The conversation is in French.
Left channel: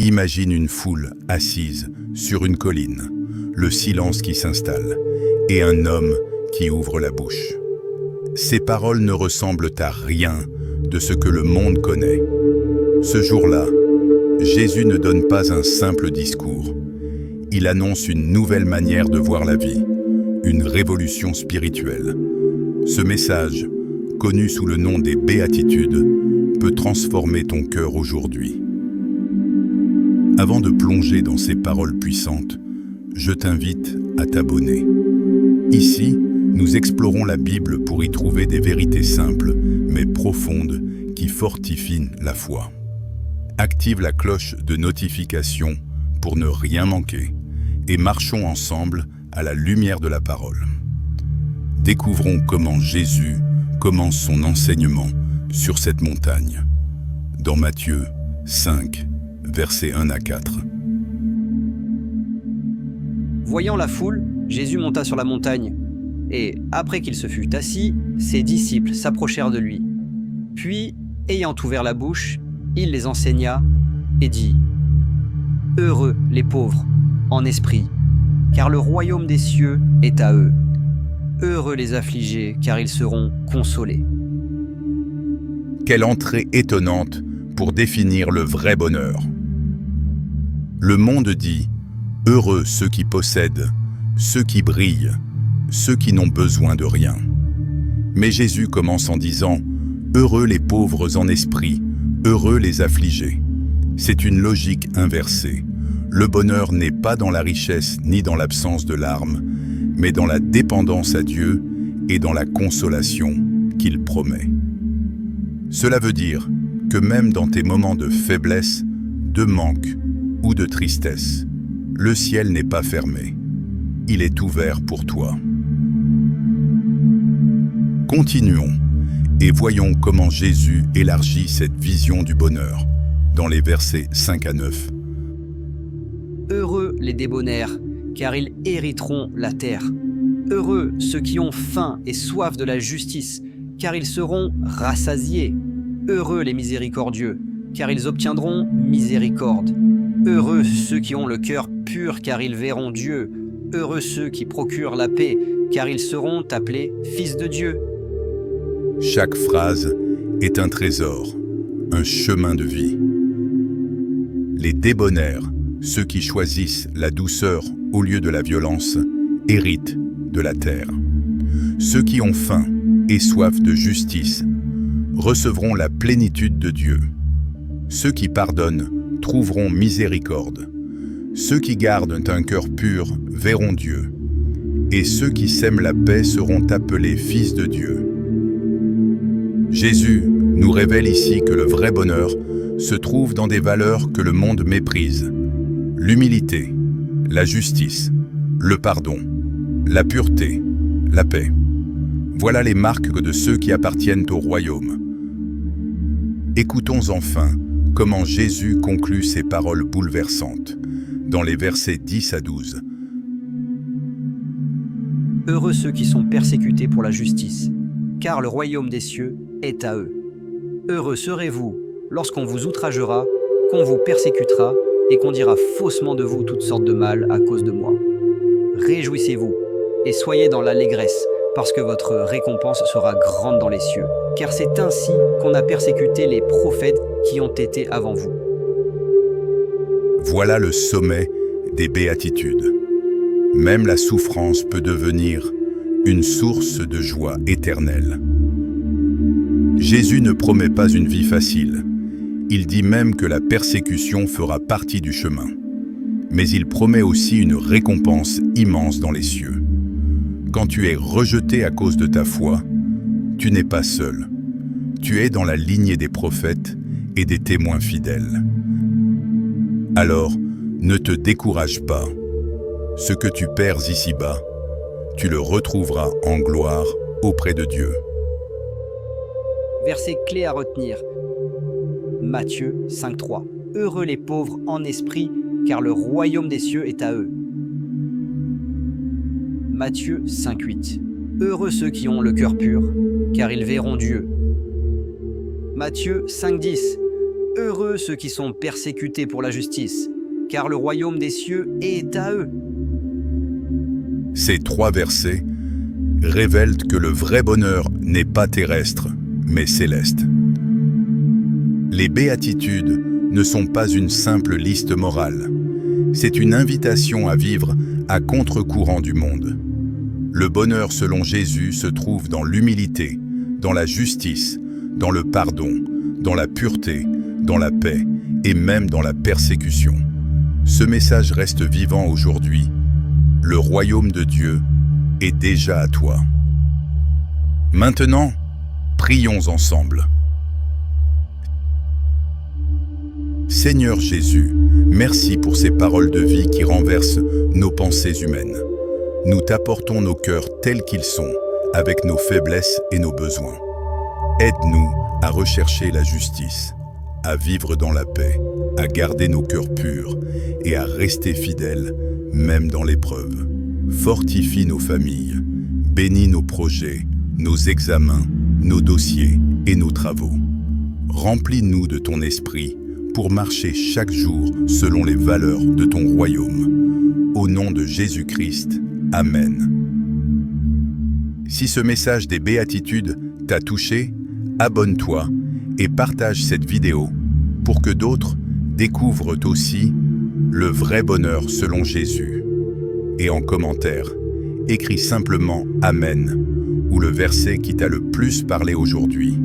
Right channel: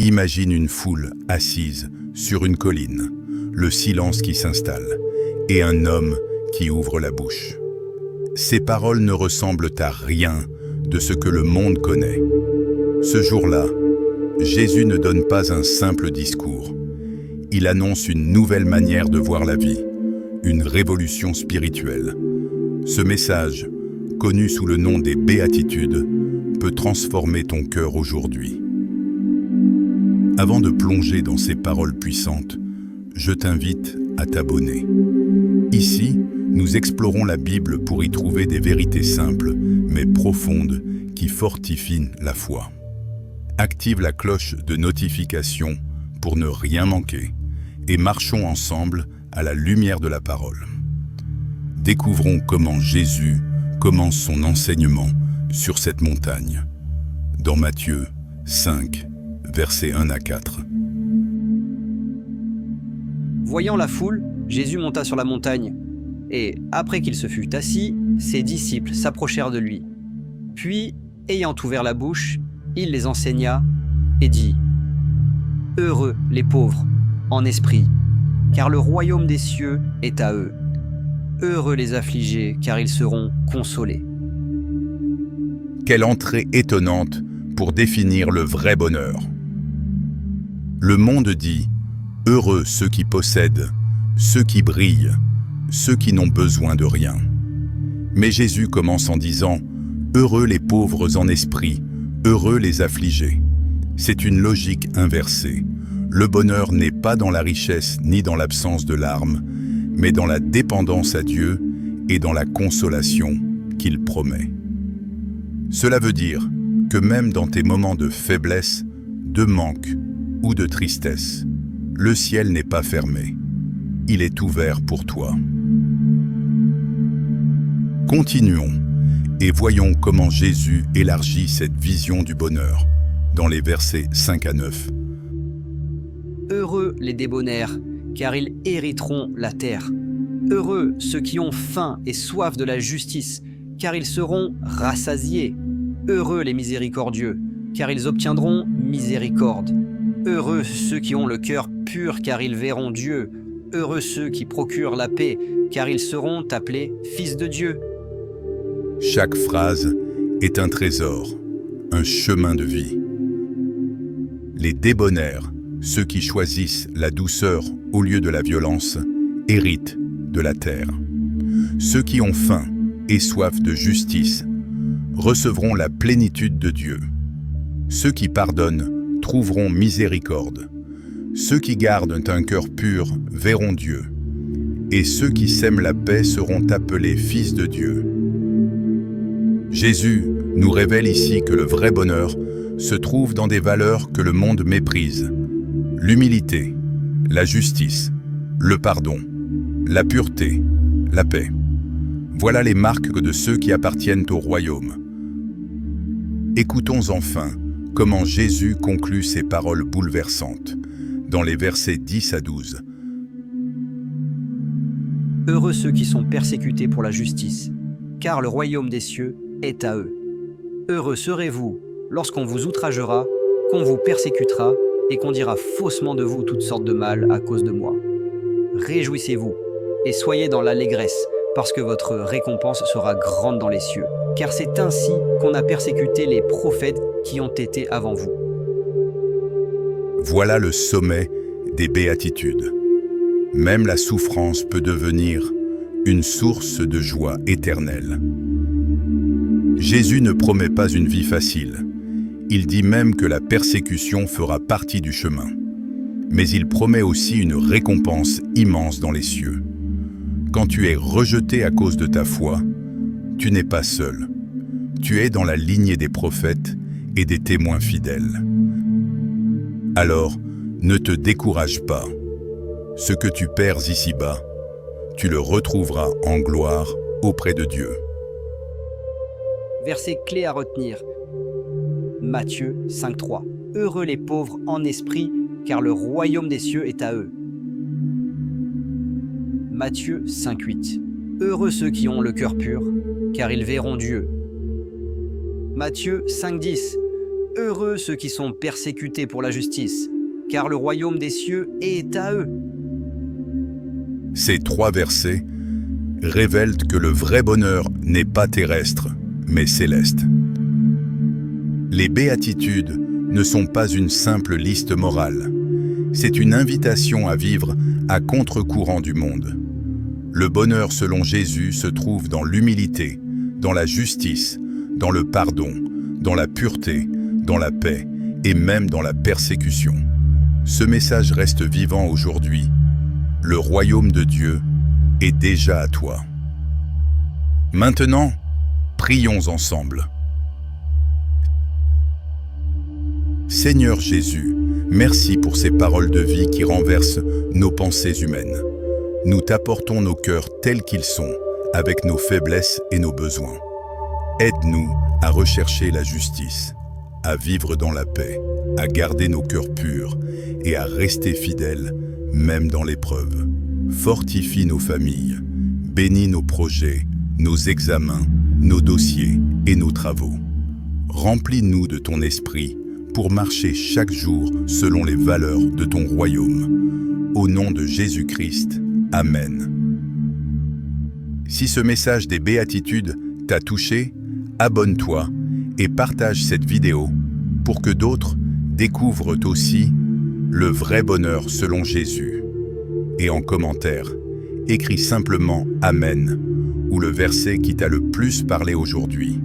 Imagine une foule assise sur une colline, le silence qui s'installe, et un homme qui ouvre la bouche. Ces paroles ne ressemblent à rien de ce que le monde connaît. Ce jour-là, Jésus ne donne pas un simple discours. Il annonce une nouvelle manière de voir la vie, une révolution spirituelle. Ce message, connu sous le nom des Béatitudes, peut transformer ton cœur aujourd'hui. Avant de plonger dans ces paroles puissantes, je t'invite à t'abonner. Ici, nous explorons la Bible pour y trouver des vérités simples, mais profondes, qui fortifient la foi. Active la cloche de notification pour ne rien manquer et marchons ensemble à la lumière de la parole. Découvrons comment Jésus commence son enseignement sur cette montagne, dans Matthieu 5, versets 1 à 4. Voyant la foule, Jésus monta sur la montagne, et après qu'il se fut assis, ses disciples s'approchèrent de lui. Puis, ayant ouvert la bouche, il les enseigna et dit : « Heureux les pauvres en esprit, car le royaume des cieux est à eux. Heureux les affligés, car ils seront consolés. » Quelle entrée étonnante pour définir le vrai bonheur. Le monde dit « Heureux ceux qui possèdent, ceux qui brillent, ceux qui n'ont besoin de rien. » Mais Jésus commence en disant « Heureux les pauvres en esprit, heureux les affligés. » C'est une logique inversée. Le bonheur n'est pas dans la richesse ni dans l'absence de larmes, mais dans la dépendance à Dieu et dans la consolation qu'il promet. Cela veut dire que même dans tes moments de faiblesse, de manque ou de tristesse, le ciel n'est pas fermé. Il est ouvert pour toi. Continuons et voyons comment Jésus élargit cette vision du bonheur dans les versets 5 à 9. Heureux les débonnaires, car ils hériteront la terre. Heureux ceux qui ont faim et soif de la justice, car ils seront rassasiés. Heureux les miséricordieux, car ils obtiendront miséricorde. Heureux ceux qui ont le cœur pur, car ils verront Dieu. Heureux ceux qui procurent la paix, car ils seront appelés fils de Dieu. Chaque phrase est un trésor, un chemin de vie. Les débonnaires, ceux qui choisissent la douceur au lieu de la violence, héritent de la terre. Ceux qui ont faim et soif de justice recevront la plénitude de Dieu. Ceux qui pardonnent trouveront miséricorde. Ceux qui gardent un cœur pur verront Dieu. Et ceux qui sèment la paix seront appelés fils de Dieu. Jésus nous révèle ici que le vrai bonheur se trouve dans des valeurs que le monde méprise. L'humilité, la justice, le pardon, la pureté, la paix. Voilà les marques de ceux qui appartiennent au royaume. Écoutons enfin comment Jésus conclut ces paroles bouleversantes dans les versets 10 à 12. Heureux ceux qui sont persécutés pour la justice, car le royaume des cieux est à eux. Heureux serez-vous lorsqu'on vous outragera, qu'on vous persécutera et qu'on dira faussement de vous toutes sortes de mal à cause de moi. Réjouissez-vous et soyez dans l'allégresse, parce que votre récompense sera grande dans les cieux, car c'est ainsi qu'on a persécuté les prophètes qui ont été avant vous. Voilà le sommet des béatitudes. Même la souffrance peut devenir une source de joie éternelle. Jésus ne promet pas une vie facile. Il dit même que la persécution fera partie du chemin. Mais il promet aussi une récompense immense dans les cieux. Quand tu es rejeté à cause de ta foi, tu n'es pas seul. Tu es dans la lignée des prophètes et des témoins fidèles. Alors, ne te décourage pas. Ce que tu perds ici-bas, tu le retrouveras en gloire auprès de Dieu. Verset clé à retenir. Matthieu 5,3. Heureux les pauvres en esprit, car le royaume des cieux est à eux. Matthieu 5,8. Heureux ceux qui ont le cœur pur, car ils verront Dieu. Matthieu 5,10. Heureux ceux qui sont persécutés pour la justice, car le royaume des cieux est à eux. Ces 3 versets révèlent que le vrai bonheur n'est pas terrestre, mais céleste. Les béatitudes ne sont pas une simple liste morale. C'est une invitation à vivre à contre-courant du monde. Le bonheur selon Jésus se trouve dans l'humilité, dans la justice, dans le pardon, dans la pureté, dans la paix et même dans la persécution. Ce message reste vivant aujourd'hui. Le royaume de Dieu est déjà à toi. Maintenant, prions ensemble. Seigneur Jésus, merci pour ces paroles de vie qui renversent nos pensées humaines. Nous t'apportons nos cœurs tels qu'ils sont, avec nos faiblesses et nos besoins. Aide-nous à rechercher la justice, à vivre dans la paix, à garder nos cœurs purs et à rester fidèles, même dans l'épreuve. Fortifie nos familles, bénis nos projets, nos examens, nos dossiers et nos travaux. Remplis-nous de ton esprit pour marcher chaque jour selon les valeurs de ton royaume. Au nom de Jésus-Christ, Amen. Si ce message des béatitudes t'a touché, abonne-toi et partage cette vidéo pour que d'autres découvrent aussi le vrai bonheur selon Jésus. Et en commentaire, écris simplement Amen ou le verset qui t'a le plus parlé aujourd'hui.